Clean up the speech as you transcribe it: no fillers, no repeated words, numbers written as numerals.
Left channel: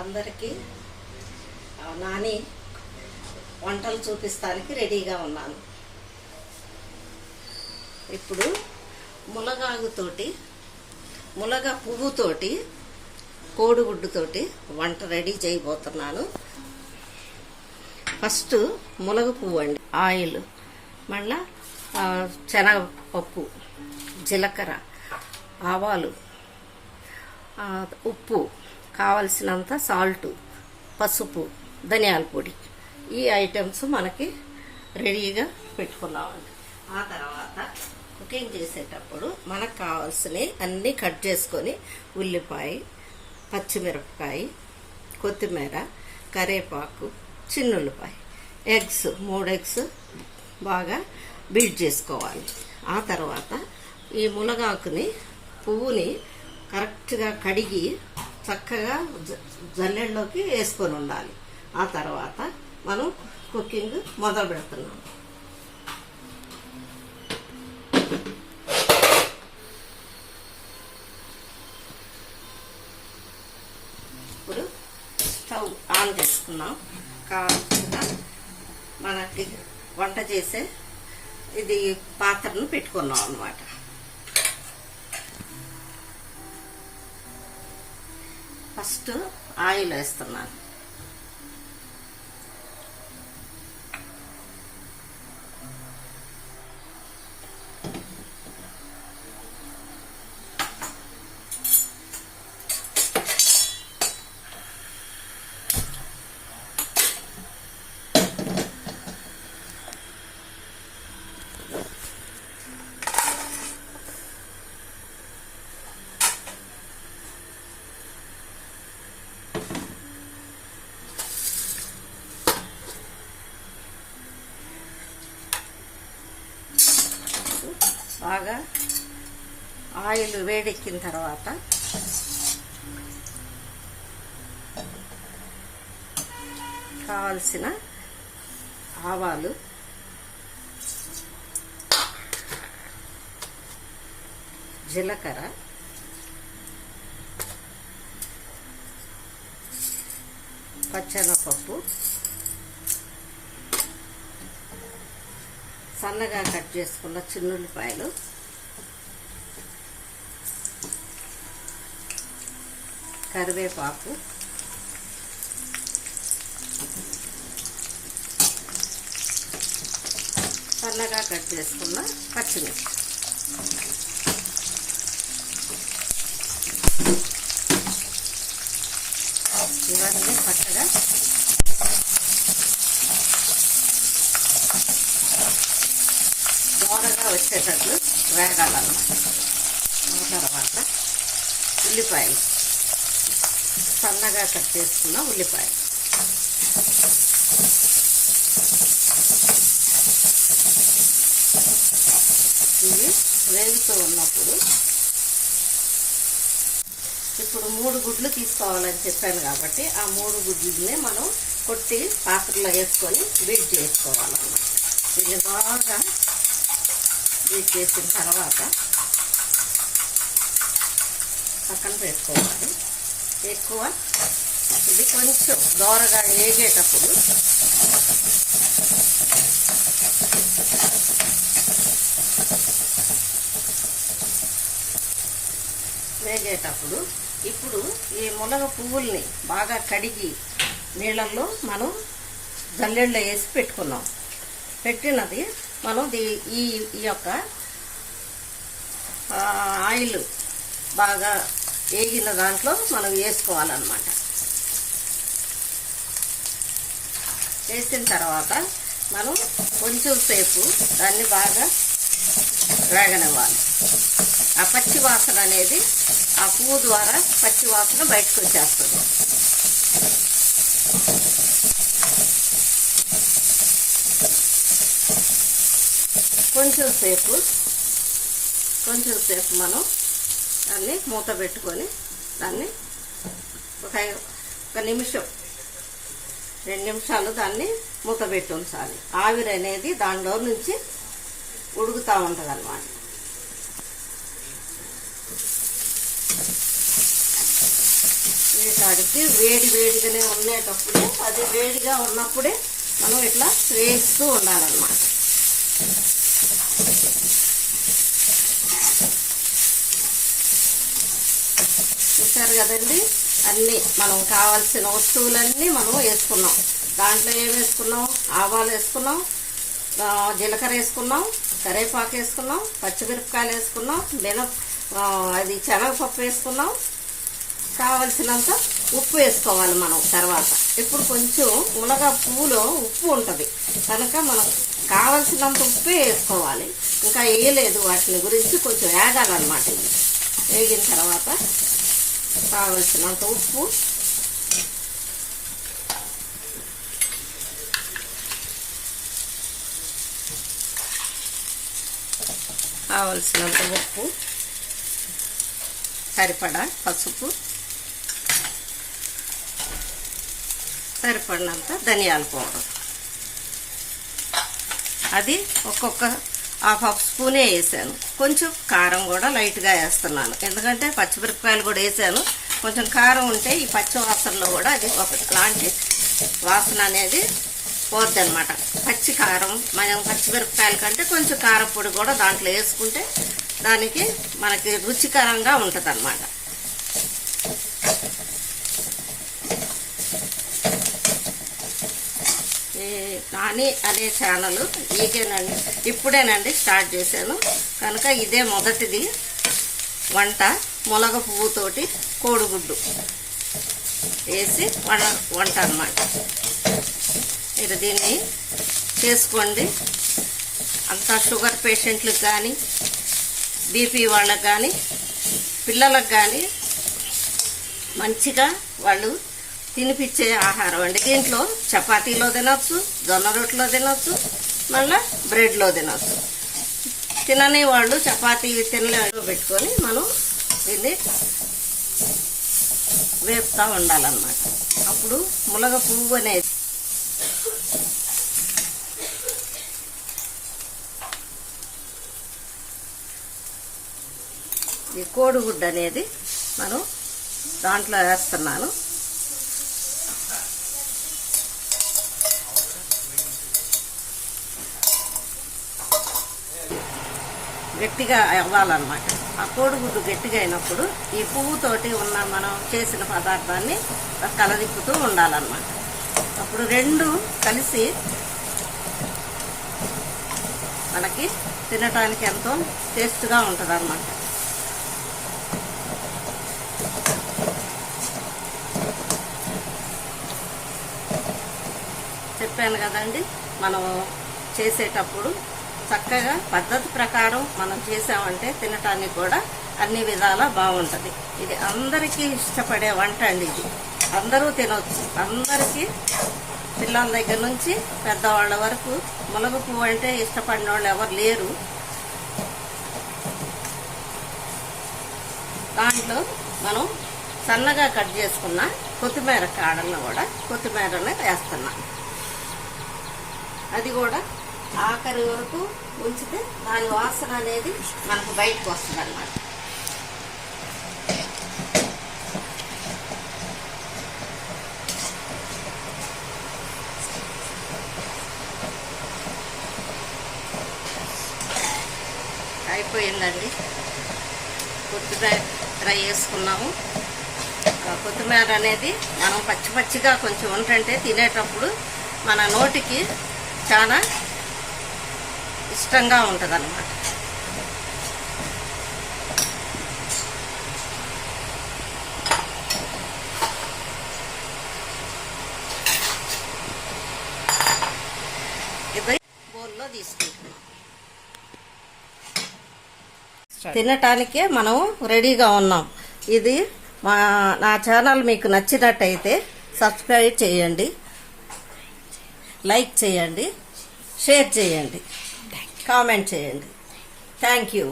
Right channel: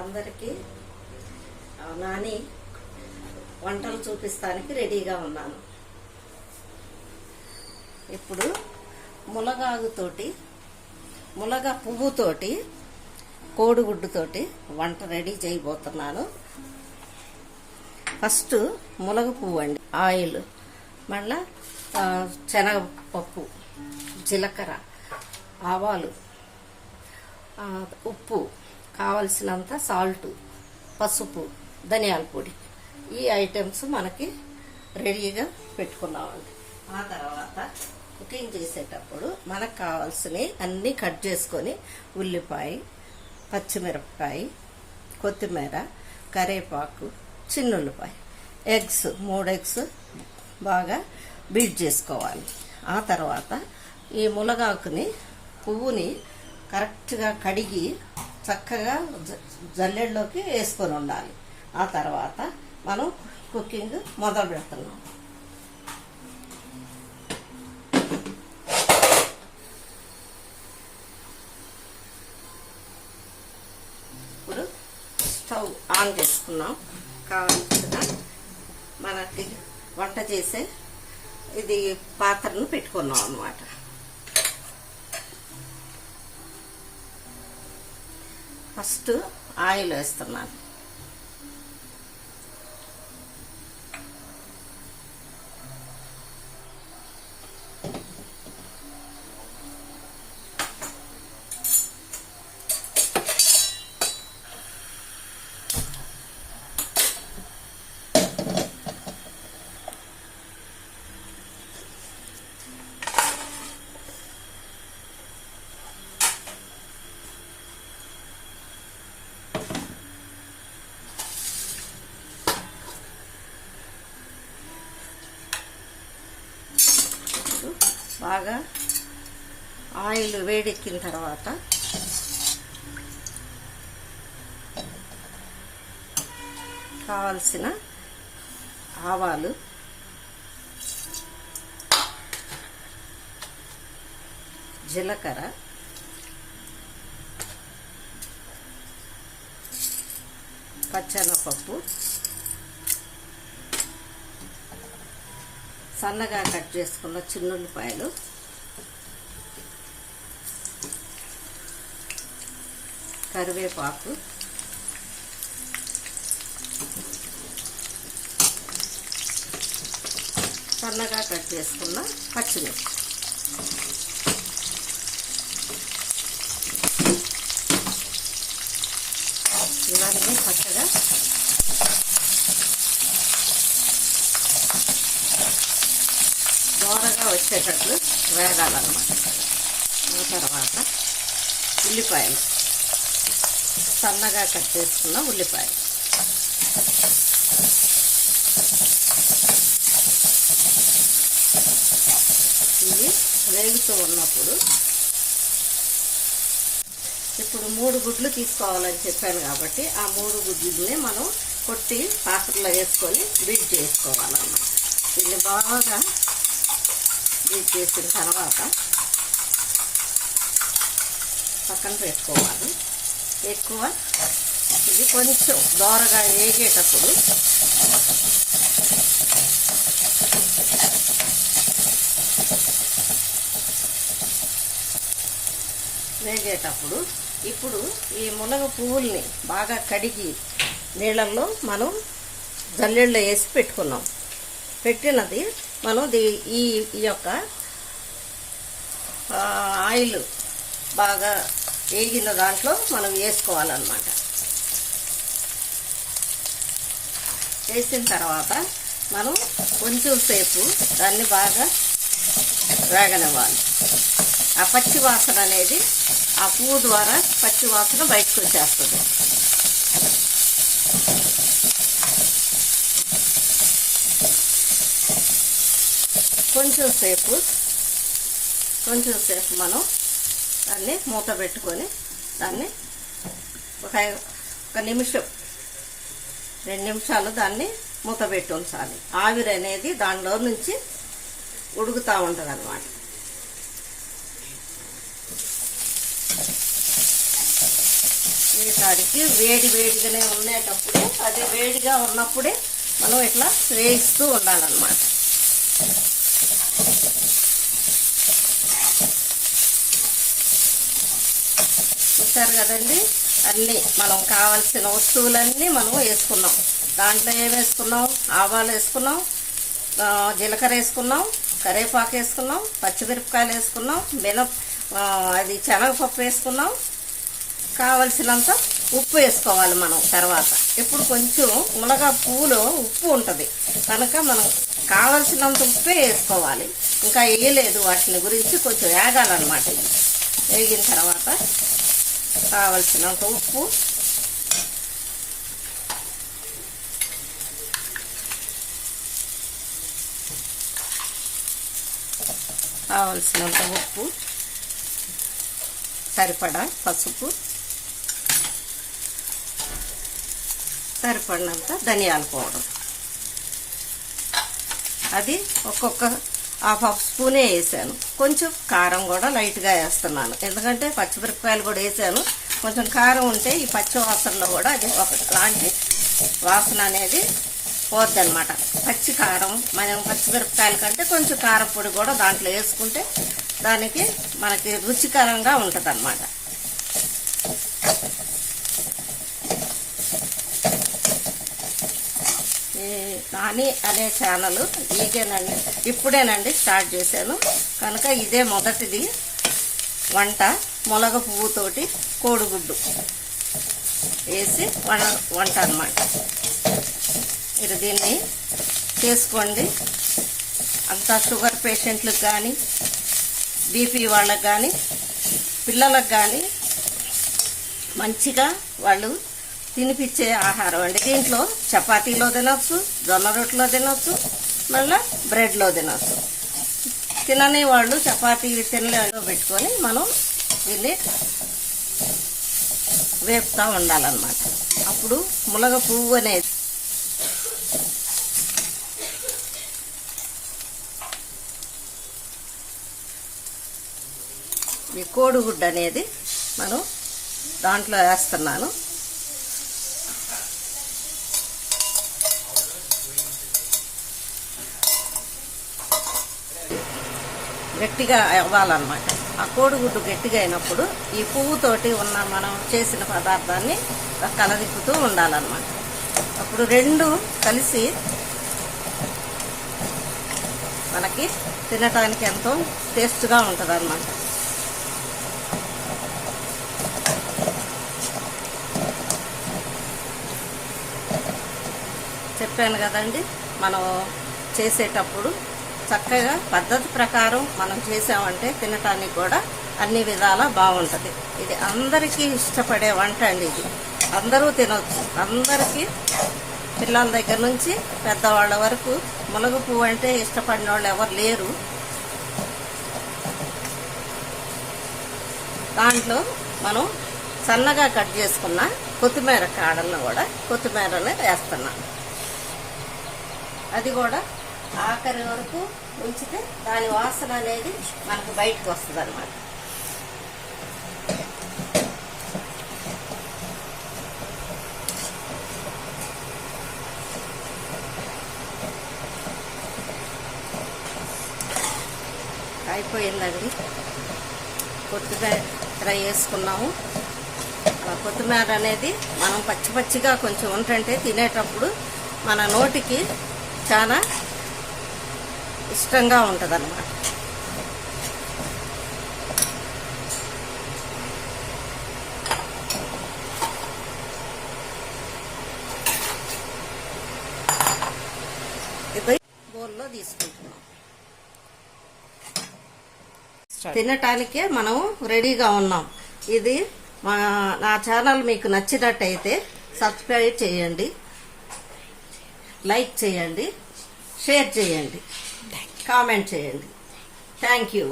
అందరికీ నాని వంటలు చూపిస్తానికి రెడీగా ఉన్నాను. ఇప్పుడు ములగ పువ్వుతోటి కోడిగుడ్డుతోటి వంట రెడీ చేయబోతున్నాను. ఫస్ట్ ములగ పువ్వు అండి, ఆయిల్, మళ్ళా శనగపప్పు, జీలకర్ర, ఆవాలు, ఉప్పు, కావలసినంత సాల్ట్, పసుపు, ధనియాల పొడి, ఈ ఐటమ్స్ మనకి రెడీగా పెట్టుకున్నామండి. ఆ తర్వాత కుకింగ్ చేసేటప్పుడు మనకు కావాల్సినవి అన్నీ కట్ చేసుకొని ఉల్లిపాయ, పచ్చిమిరపకాయ, కొత్తిమీర, కరివేపాకు, చిన్నుల్లిపాయ, ఎగ్స్ 3 ఎగ్స్ బాగా బీట్ చేసుకోవాలి. ఆ తర్వాత ఈ ములగాకుని పువ్వుని కరెక్ట్గా కడిగి చక్కగా జల్లెడలోకి వేసుకొని ఉండాలి. ఆ తర్వాత మనం కుకింగ్ మొదలు పెడుతున్నాం. ఇప్పుడు స్టవ్ ఆన్ చేసుకున్నాం. కావాల్సిన మనకి వంట చేసే ఇది పాత్రను పెట్టుకున్నాం అన్నమాట. ఫస్ట్ ఆయిల్ వేస్తున్నాను. బాగా ఆయిల్ వేడెక్కిన తర్వాత కావాల్సిన ఆవాలు, జీలకర్ర, పచ్చెనపప్పు, సన్నగా కట్ చేసుకున్న చిన్నుల్లిపాయలు, కరివేపాకు, సన్నగా కట్ చేసుకున్న పచ్చిమిర్చి, ఇవన్నీ పచ్చగా దూరంగా వచ్చేటట్లు వేగాలన్నమాట. ఆ తర్వాత ఉల్లిపాయలు, సన్నగా కట్ చేసుకున్న ఉల్లిపాయలు, ఇవి వేగుతూ ఉన్నప్పుడు ఇప్పుడు 3 గుడ్లు తీసుకోవాలని చెప్పాను కాబట్టి ఆ 3 గుడ్లని మనం కొట్టి పాత్రలో వేసుకొని బీట్ చేసుకోవాలన్నమాట. ఇది బాగా బీట్ చేసిన తర్వాత పక్కన పెట్టుకోవాలి. ఎక్కువ ఇది కొంచెం దోరగా వేగేటప్పుడు ఇప్పుడు ఈ మునగ పువ్వుల్ని బాగా కడిగి నీళ్ళల్లో మనం జల్లెడలో వేసి పెట్టుకున్నాం. పెట్టినది మనం ఈ యొక్క ఆయిల్ బాగా వేగిన దాంట్లో మనం వేసుకోవాలన్నమాట. వేసిన తర్వాత మనం కొంచెం సేపు దాన్ని బాగా వేగనివ్వాలి. ఆ పచ్చి వాసన అనేది ఆ పువ్వు ద్వారా పచ్చి వాసన బయటకు వచ్చేస్తుంది. కొంచెం సేపు మనం దాన్ని మూత పెట్టుకొని దాన్ని ఒక నిమిషం 2 నిమిషాలు దాన్ని మూత పెట్టి ఉంచాలి. ఆవిరి అనేది దానిలో నుంచి ఉడుకుతూ ఉంటుంది అన్నమాట. వేసాడికి వేడిగానే ఉండేటప్పుడే, అది వేడిగా ఉన్నప్పుడే మనం ఇట్లా వేస్తూ ఉండాలన్నమాట. చూస్తారు కదండి, అన్నీ మనం కావాల్సిన వస్తువులన్నీ మనం వేసుకున్నాం. దాంట్లో ఏం వేసుకున్నాం? ఆవాలు వేసుకున్నాం, జీలకర్ర వేసుకున్నాం, కరివేపాకు వేసుకున్నాం, పచ్చిమిరపకాయలు వేసుకున్నాం, అది శనగపప్పు వేసుకున్నాం. కావలసినంత ఉప్పు వేసుకోవాలి మనం తర్వాత. ఇప్పుడు కొంచెం మునగ పువ్వులో ఉప్పు ఉంటుంది కనుక మనం కావలసినంత ఉప్పే వేసుకోవాలి. ఇంకా వేయలేదు, వాటిని గురించి కొంచెం వేగాలన్నమాట. ఇది వేగిన తర్వాత కావలసినంత ఉప్పు, సరిపడా పసుపు, సరిపడినంత ధనియాల పౌడర్. అది ఒక్కొక్క హాఫ్ స్పూనే వేసాను. కొంచెం కారం కూడా లైట్గా వేస్తున్నాను, ఎందుకంటే పచ్చిమిరపకాయలు కూడా వేసాను. కొంచెం కారం ఉంటే ఈ పచ్చి వాసనలో కూడా అది ఒకలాంటి వాసన అనేది పోద్ది అనమాట. పచ్చి కారం మనం పచ్చిమిరపకాయల కంటే కొంచెం కారం పొడి కూడా దాంట్లో వేసుకుంటే దానికి మనకి రుచికరంగా ఉంటుంది అన్నమాట. నాని అనే ఛానల్ ఇదేనండి, ఇప్పుడేనండి స్టార్ట్ చేశాను కనుక ఇదే మొదటిది వంట. మునగ పువ్వుతోటి కోడిగుడ్డు వేసి వంట అన్నమాట. మీరు దీన్ని చేసుకోండి. అంతా షుగర్ పేషెంట్లకు కానీ, బీపీ వాళ్ళకు కానీ, పిల్లలకు కానీ మంచిగా వాళ్ళు తినిపించే ఆహారం అండి. దీంట్లో చపాతీలో తినొచ్చు, జొన్న రొట్టెలో తినొచ్చు, మళ్ళీ బ్రెడ్లో తినొచ్చు. తినని వాళ్ళు చపాతీ తినలేని పెట్టుకొని మనం దీన్ని వేపుతా ఉండాలన్నమాట. అప్పుడు మునగ పువ్వు అనేది ఈ కోడిగుడ్డు అనేది మనం దాంట్లో వేస్తున్నాను. గట్టిగా అవ్వాలన్నమాట. ఆ కోడిగుడ్డు గట్టిగా అయినప్పుడు ఈ పువ్వుతోటి ఉన్న మనం చేసిన పదార్థాన్ని కలదిప్పుతూ ఉండాలన్నమాట. అప్పుడు రెండు కలిసి మనకి తినటానికి ఎంతో టేస్ట్గా ఉంటుంది అన్నమాట. చెప్పాను కదండి, మనం చేసేటప్పుడు చక్కగా పద్ధతి ప్రకారం మనం చేసామంటే తినటానికి కూడా అన్ని విధాలా బాగుంటుంది. ఇది అందరికీ ఇష్టపడే వంట అండి. ఇది అందరూ తినవచ్చు. అందరికీ పిల్లల దగ్గర నుంచి పెద్దవాళ్ళ వరకు మునగ పువ్వు అంటే ఇష్టపడిన వాళ్ళు ఎవరు లేరు. దాంట్లో మనం సన్నగా కట్ చేసుకున్న కొత్తిమీర కాడలను కూడా కొత్తిమీరని వేస్తున్నాం. అది కూడా ఆఖరి వరకు ఉంచితే దాని వాసన అనేది మనకు బయటకు వస్తుంది అన్నమాట. అయిపోయిందండి. కొత్తిమీర వేసుకున్నాము. కొత్తిమీర అనేది మనం పచ్చి పచ్చిగా కొంచెం ఉంటుంటే తినేటప్పుడు మన నోటికి చాలా ఇష్టంగా ఉంటుంది అన్నమాట. ఇది బౌల్లో తీసుకుంటున్నాం. తినటానికే మనం రెడీగా ఉన్నాం. ఇది నా ఛానల్ మీకు నచ్చినట్టయితే సబ్స్క్రైబ్ చేయండి, లైక్ చేయండి, షేర్ చేయండి, కామెంట్ చేయండి. Thank you.